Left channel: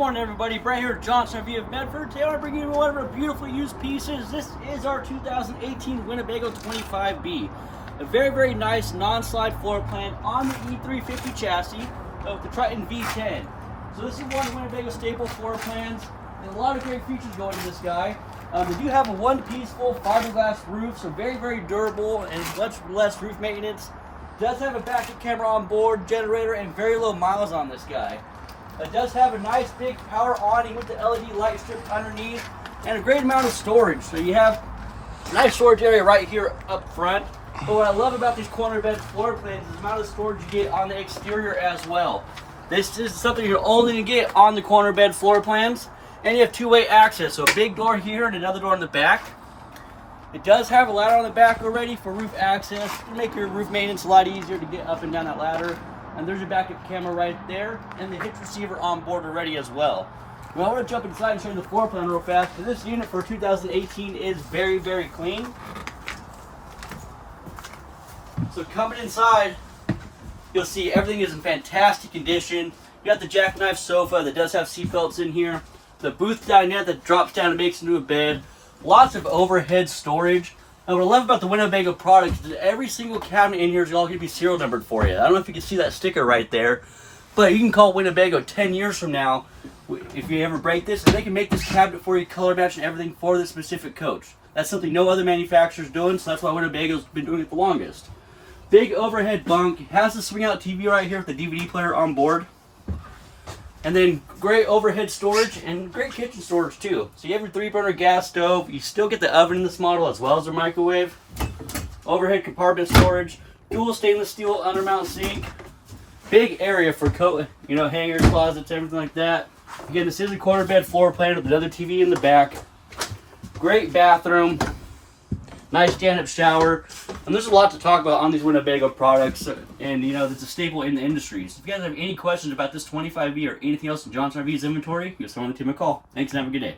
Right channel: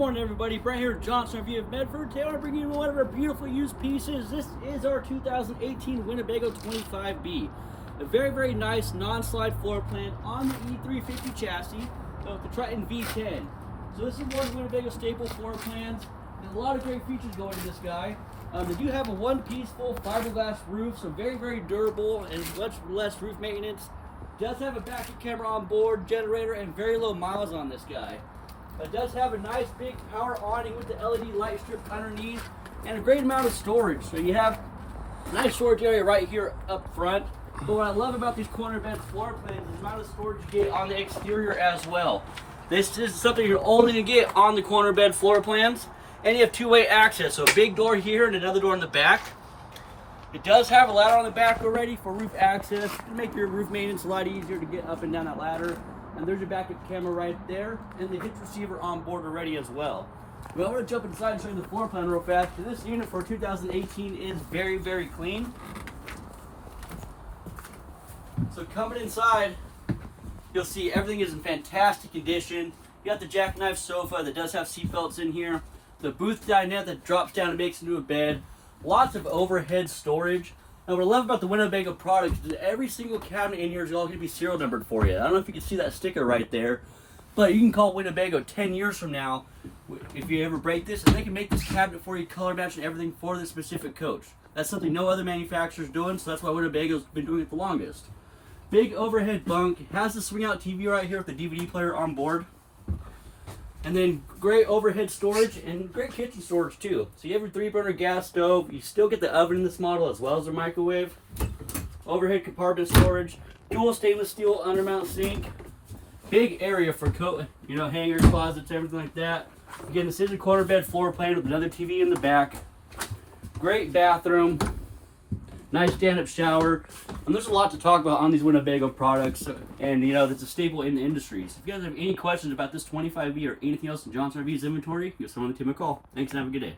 Good morning everybody, Brett here at Johnson RV of Medford. Today I want to bring you one of our beautifully used pieces. This is our 2018 Winnebago 25B. A very nice non-slide floor plan on the E350 chassis of the Triton V10. So this is one of Winnebago staple floor plans, and a lot of great features go into this guy. They do have a one-piece full fiberglass roof, so very durable and much less roof maintenance. It does have a backup camera on board, generator, and very low miles on this guy. It does have a nice big power awning with the LED light strip underneath and a great amount of storage. So you have a nice storage area right here up front. But what I love about these corner bed floor plans is the amount of storage you get on the exterior as well. This is something you're only going to get on the corner bed floor plans. And you have two-way access, so a big door here and another door in the back. It does have a ladder on the back already for roof access. It'll make your roof maintenance a lot easier to get up and down that ladder. And there's a backup camera right there, and the hitch receiver on board already as well. Well, I want to jump inside and show you the floor plan real fast. So this unit for 2018 is very clean. So coming inside, you'll see everything is in fantastic condition. You got the jackknife sofa that does have seat belts in here. The booth dinette that drops down and makes into a bed. Lots of overhead storage. And what I love about the Winnebago products is that every single cabinet in here is all going to be serial numbered for you. I don't know if you can see that sticker right there, but you can call Winnebago 10 years from now if you ever break this, and they can make this cabinet for you, color match and everything for the specific coach. That's something no other manufacturer is doing, so that's why Winnebago's been doing it the longest. Big overhead bunk. It has the swing out TV right here with the DVD player on board. And then great overhead storage and great kitchen storage too. So you have your 3-burner gas stove. You still get the oven in this model as well as the microwave. Overhead compartment storage. Dual stainless steel undermount sink. Big area for coat, hangers, closets, everything like that. Again, this is a corner bed floor plan with another TV in the back. Great bathroom. Nice stand-up shower. And there's a lot to talk about on these Winnebago products, and that's a staple in the industry. So if you guys have any questions about this 25B or anything else in Johnson RV's inventory, just want to give me a call. Thanks and have a good day.